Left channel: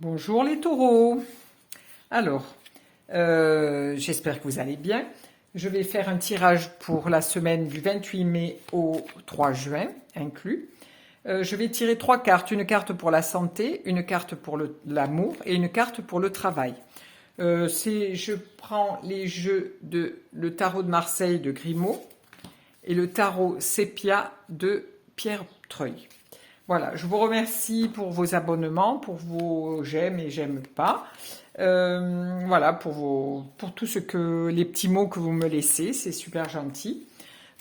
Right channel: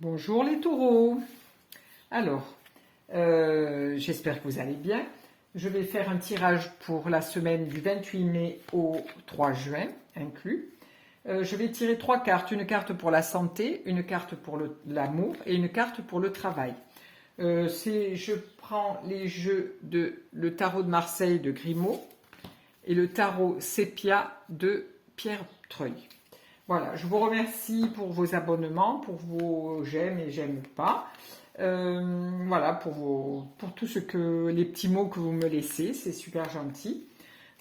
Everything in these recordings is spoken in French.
Bonjour les taureaux. Alors, j'espère que vous allez bien. Je vais faire un tirage pour la semaine du 28 mai au 3 juin inclus. Je vais tirer 3 cartes, une carte pour la santé, une carte pour l'amour et une carte pour le travail. Je prends les jeux de le tarot de Marseille de Grimaud et le tarot Sépia de Pierre Treuil. Voilà, je vous remercie pour vos abonnements, pour vos j'aime et j'aime pas. Voilà, pour tout ce que les petits mots que vous me laissez, c'est super gentil.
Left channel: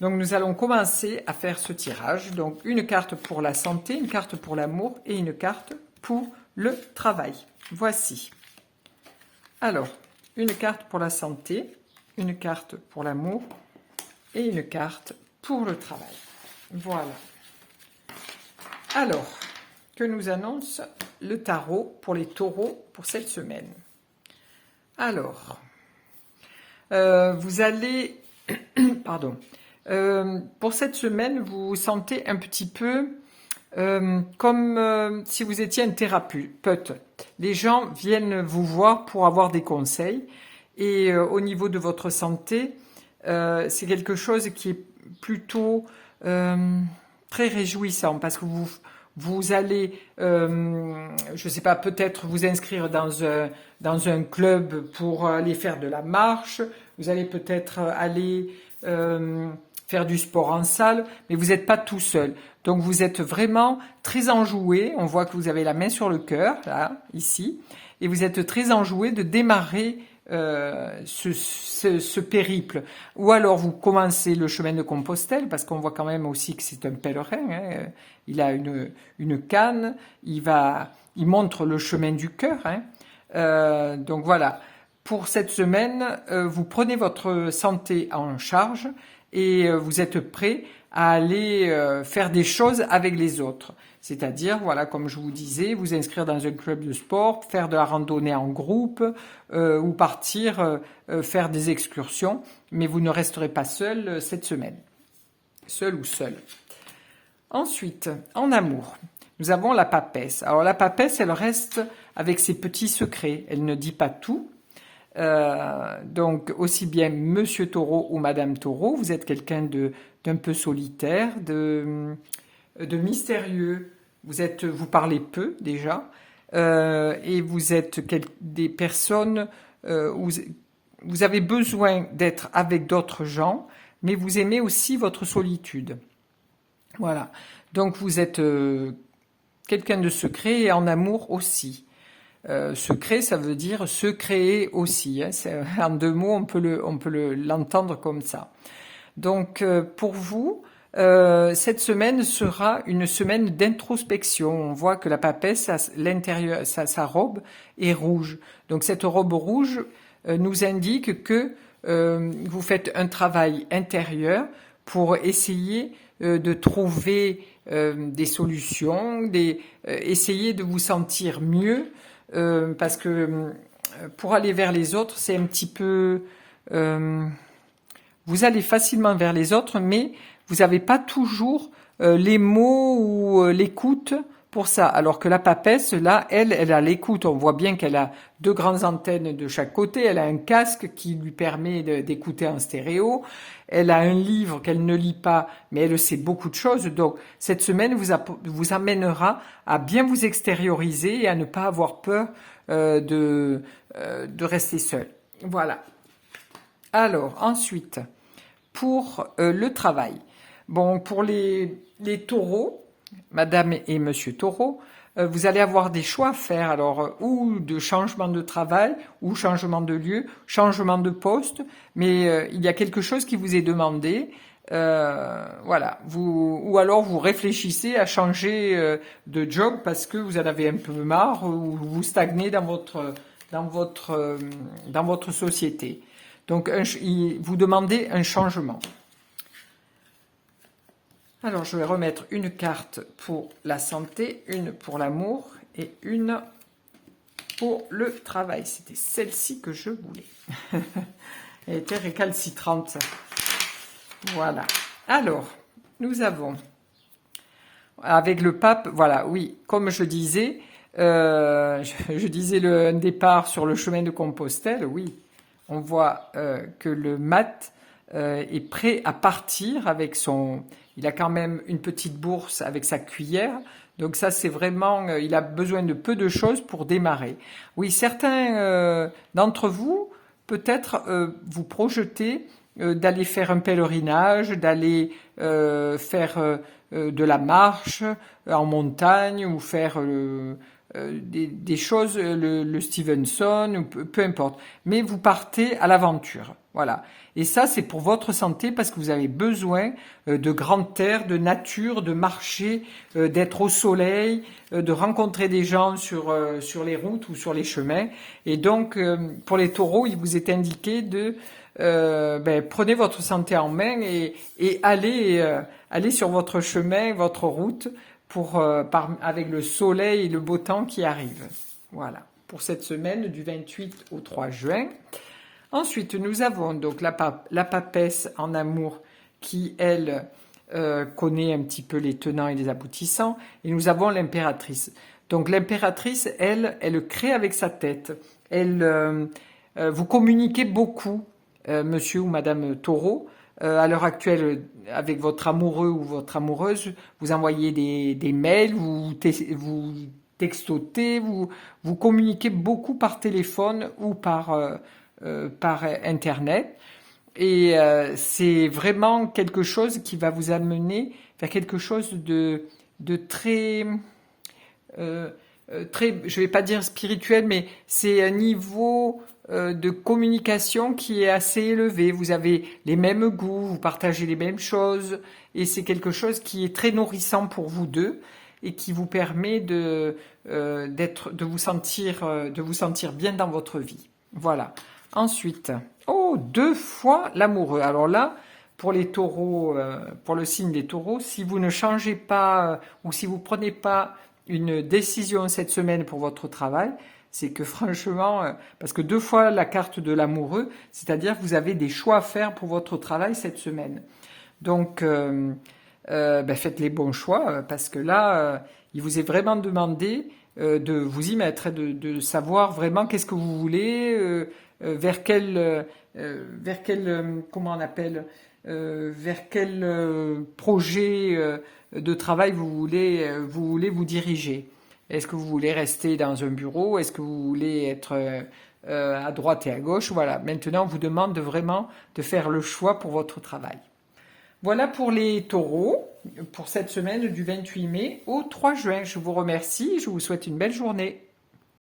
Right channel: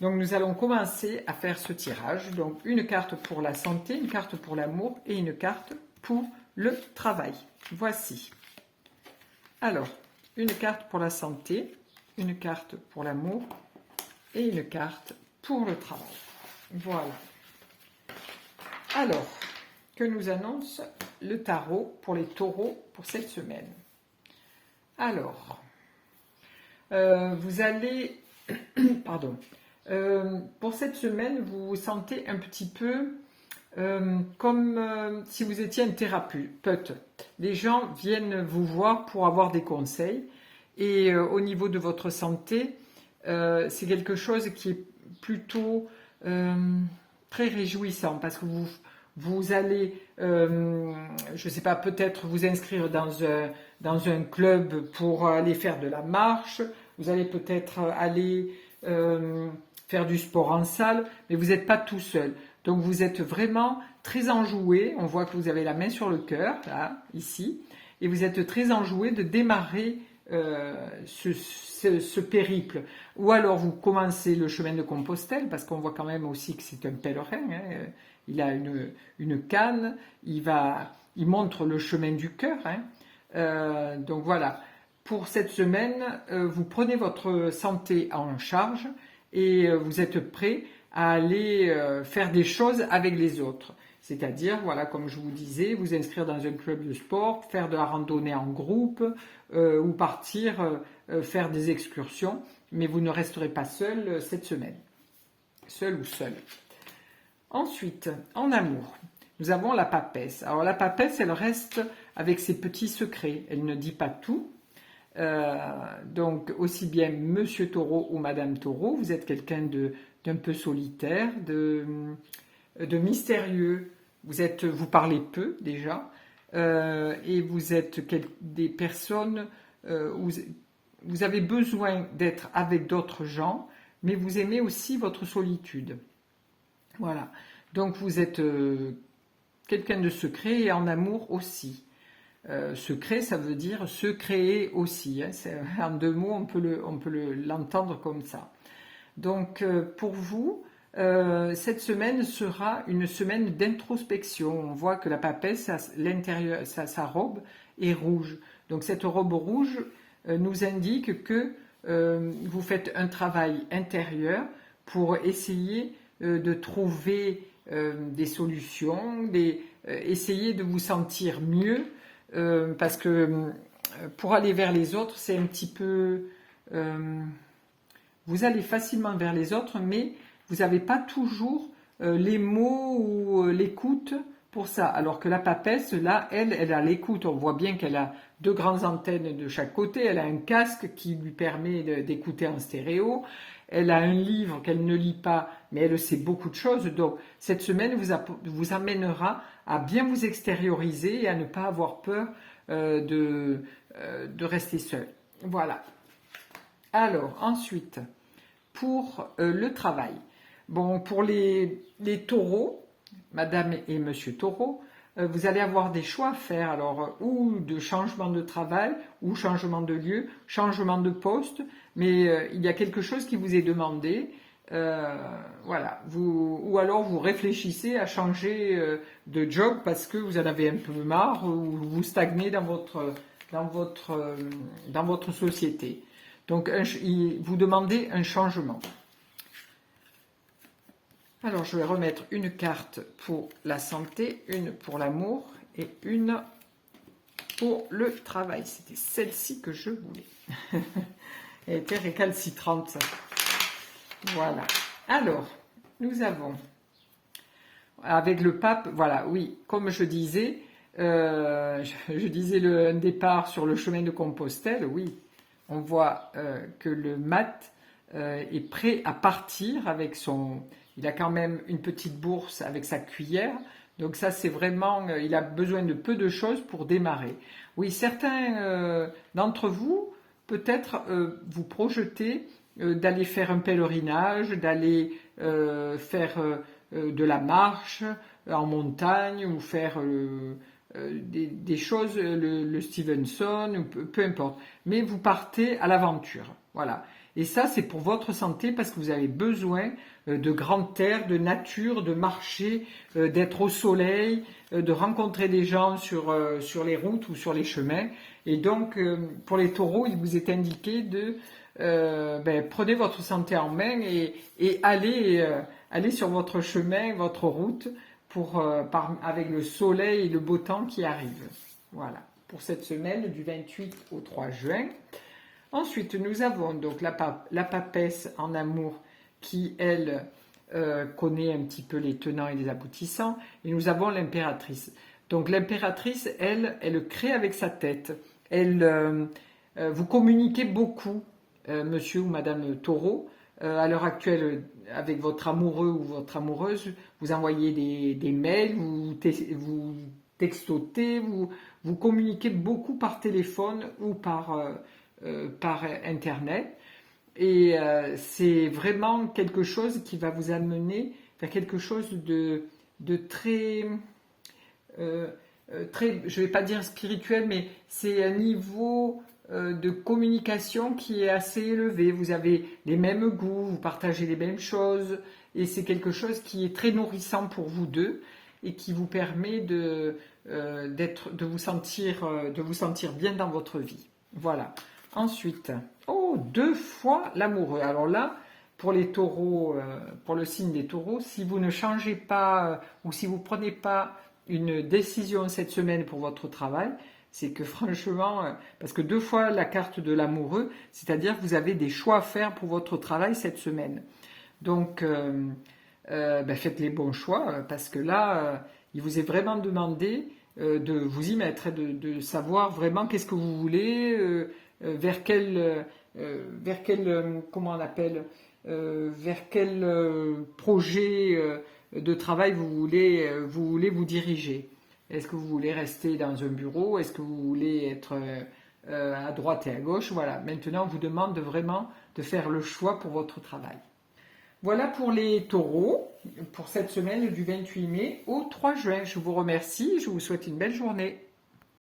Donc nous allons commencer à faire ce tirage. Donc une carte pour la santé, une carte pour l'amour et une carte pour le travail. Voici. Alors, une carte pour la santé, une carte pour l'amour et une carte pour le travail. Voilà. Alors, que nous annonce le tarot pour les taureaux pour cette semaine? Alors, vous allez... Pardon. Pour cette semaine, vous vous sentez un petit peu comme si vous étiez un thérapeute. Les gens viennent vous voir pour avoir des conseils. Et au niveau de votre santé, c'est quelque chose qui est plutôt très réjouissant parce que vous allez, je ne sais pas, peut-être vous inscrire dans un club pour aller faire de la marche, vous allez peut-être aller faire du sport en salle, mais vous n'êtes pas tout seul. Donc vous êtes vraiment très enjoué, on voit que vous avez la main sur le cœur, là, ici, et vous êtes très enjoué de démarrer ce périple. Ou alors vous commencez le chemin de Compostelle, parce qu'on voit quand même aussi que c'est un pèlerin, hein. Il a une canne, il montre le chemin du cœur. Hein. Donc voilà, pour cette semaine, vous prenez votre santé en charge et vous êtes prêt à aller faire des choses avec les autres. C'est-à-dire, voilà, comme je vous disais, vous inscrire dans un club de sport, faire de la randonnée en groupe ou partir faire des excursions, mais vous ne resterez pas seul cette semaine. Seul ou seul. Ensuite, en amour, nous avons la papesse. Alors la papesse, elle reste avec ses petits secrets. Elle ne dit pas tout. Donc aussi bien Monsieur Taureau ou Madame Taureau, vous êtes quelqu'un d'un peu solitaire, de mystérieux. Vous parlez peu déjà, et vous êtes des personnes où vous avez besoin d'être avec d'autres gens, mais vous aimez aussi votre solitude. Voilà. Donc vous êtes quelqu'un de secret et en amour aussi. Secret, ça veut dire se créer aussi. Hein. En deux mots, on peut l'entendre comme ça. Donc pour vous, cette semaine sera une semaine d'introspection. On voit que la papesse, l'intérieur, sa robe est rouge. Donc cette robe rouge nous indique que vous faites un travail intérieur pour essayer de trouver des solutions, essayer de vous sentir mieux, parce que pour aller vers les autres, c'est un petit peu... vous allez facilement vers les autres, mais vous n'avez pas toujours les mots ou l'écoute pour ça. Alors que la papesse, là, elle a l'écoute. On voit bien qu'elle a deux grandes antennes de chaque côté. Elle a un casque qui lui permet d'écouter en stéréo. Elle a un livre qu'elle ne lit pas, mais elle sait beaucoup de choses. Donc, cette semaine vous amènera à bien vous extérioriser et à ne pas avoir peur de rester seul. Voilà. Alors, ensuite, pour le travail. Bon, pour les taureaux, Madame et Monsieur Taureau, vous allez avoir des choix à faire. Alors, ou de changement de travail, ou changement de lieu, changement de poste, mais il y a quelque chose qui vous est demandé. Voilà. Ou alors vous réfléchissez à changer de job parce que vous en avez un peu marre ou vous stagnez dans votre société. Donc, vous demandez un changement. Alors, je vais remettre une carte pour la santé, une pour l'amour et une pour le travail. C'était celle-ci que je voulais. Elle était récalcitrante. Voilà. Alors, nous avons, avec le pape, voilà, oui, comme je disais, Je disais un départ sur le chemin de Compostelle, oui, on voit que le mat est prêt à partir avec son... Il a quand même une petite bourse avec sa cuillère, donc ça c'est vraiment... il a besoin de peu de choses pour démarrer. Oui, certains d'entre vous, peut-être vous projetez d'aller faire un pèlerinage, d'aller faire de la marche en montagne ou faire des choses, le Stevenson, ou peu importe. Mais vous partez à l'aventure. Voilà. Et ça, c'est pour votre santé parce que vous avez besoin de grand air, de nature, de marcher, d'être au soleil, de rencontrer des gens sur les routes ou sur les chemins. Et donc, pour les taureaux, il vous est indiqué de prenez votre santé en main et allez sur votre chemin, votre route avec le soleil et le beau temps qui arrivent. Voilà, pour cette semaine du 28 au 3 juin. Ensuite, nous avons donc la papesse en amour qui, elle, connaît un petit peu les tenants et les aboutissants. Et nous avons l'impératrice. Donc l'impératrice, elle crée avec sa tête. Vous communiquez beaucoup, monsieur ou madame Taureau. À l'heure actuelle, avec votre amoureux ou votre amoureuse, vous envoyez des mails, vous textotez, vous communiquez beaucoup par téléphone ou par Internet. Et c'est vraiment quelque chose qui va vous amener vers quelque chose de très, je ne vais pas dire spirituel, mais c'est un niveau de communication qui est assez élevé. Vous avez les mêmes goûts, vous partagez les mêmes choses, et c'est quelque chose qui est très nourrissant pour vous deux et qui vous permet de vous sentir bien dans votre vie. Voilà. Ensuite, deux fois l'amoureux. Alors là, pour les taureaux, pour le signe des taureaux, si vous ne changez pas ou si vous ne prenez pas une décision cette semaine pour votre travail, c'est que franchement, parce que deux fois la carte de l'amoureux, c'est-à-dire que vous avez des choix à faire pour votre travail cette semaine. Donc, faites les bons choix, parce que là, il vous est vraiment demandé de vous y mettre, de savoir vraiment qu'est-ce que vous voulez, vers quel, comment on appelle, vers quel projet de travail vous voulez vous diriger. Est-ce que vous voulez rester dans un bureau? Est-ce que vous voulez être à droite et à gauche? Voilà, maintenant on vous demande vraiment de faire le choix pour votre travail. Voilà pour les taureaux, pour cette semaine du 28 mai au 3 juin. Je vous remercie, je vous souhaite une belle journée.